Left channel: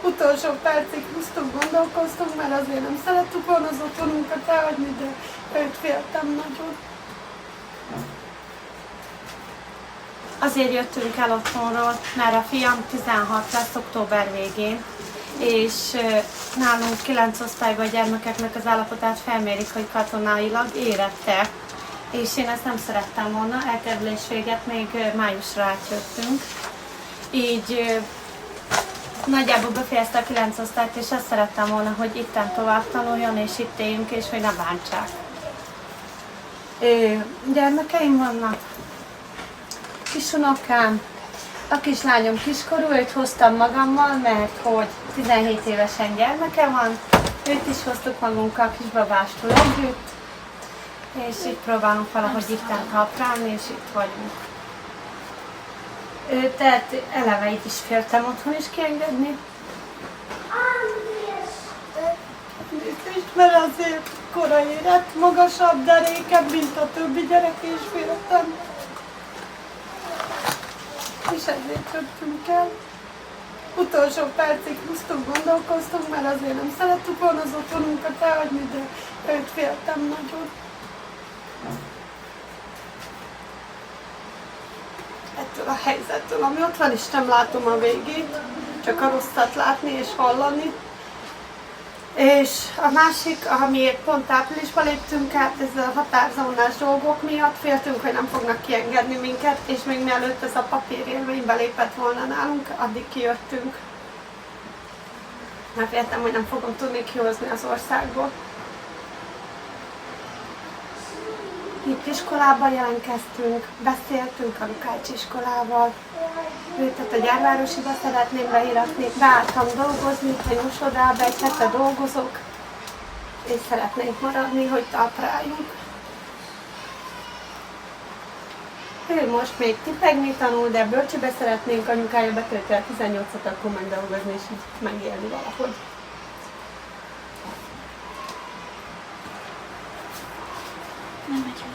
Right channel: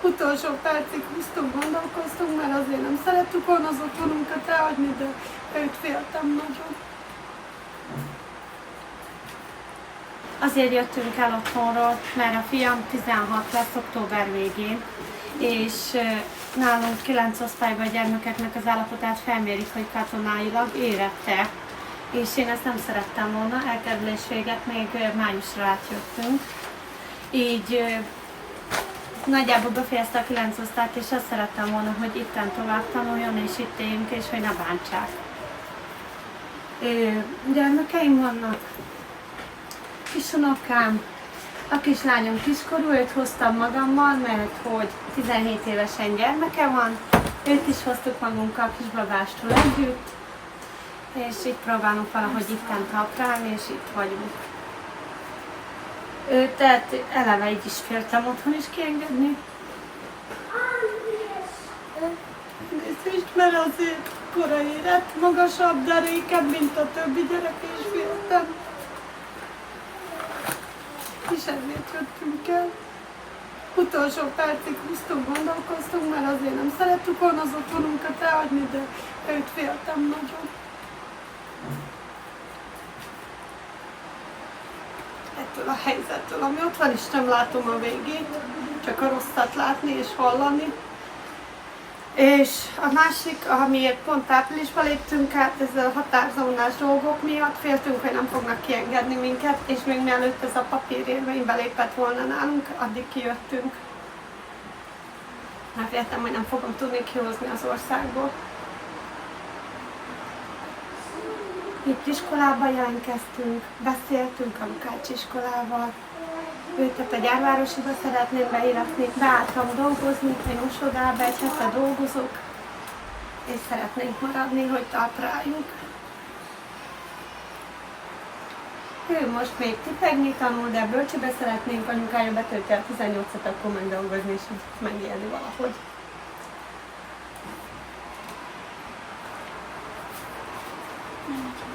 Utolsó percig húztunk, gondolkoztunk, mert azért nem szerettük volna az otthonunkat elhagyni, de őt féltem nagyon. Azért jöttünk el otthonról, mert a fiam 16 lesz október végén, és nálunk 9 osztályban a gyermekeknek az állapotát felmérik, hogy katonailag érettek, és én ezt nem szerettem volna, elkerülés véget még májusra átjöttünk. Így nagyjából befejezte a 9 osztályt, és azt szerettem volna, hogy itten tovább tanuljon, és itt éljünk, és hogy ne bántsák. Gyermekeim vannak, kisunokám, a kislányom kiskorú, őt hoztam magammal, mert hogy 17 évesen gyermeke van, őt is hoztuk magunkkal kisbabástól együtt, és így próbálunk valahogy itten taprálni, és itt vagyunk. Tehát eleve így is féltem otthon is kiengedni. Nézést, mert azért korai érett, magasabb, de rékebb, mint a többi gyerek, és féltem. És ezért jöttünk el. Utolsó percig húztunk, gondolkoztunk, mert azért nem szerettük volna az otthonunkat elhagyni, de őt féltem nagyon. Ettől a helyzettől, ami ott van, is nem látom a végét, csak a rosszat látni és hallani. És a másik, amiért pont áprilisban léptünk át, ez a határzónás dolgok miatt, féltünk, hogy nem fognak kiengedni minket, és még mielőtt ez a papírérvény belépett volna nálunk, addig kijöttünk. Mert féltem, hogy nem fogom tudni kihozni az országból. Itt iskolába jelentkeztünk, beszéltünk a Lukács iskolával, őket a Gyárvárosiba szeretném beíratni, beálltam dolgozni, egy mosodába, egy hete dolgozok, és szeretnénk maradni, hogy tapráljunk. Ő most még tipegni tanul, de bölcsibe szeretnénk, anyukája betölti a 18-at, akkor megdolgozni, és így megélni valahogy. Nem megy.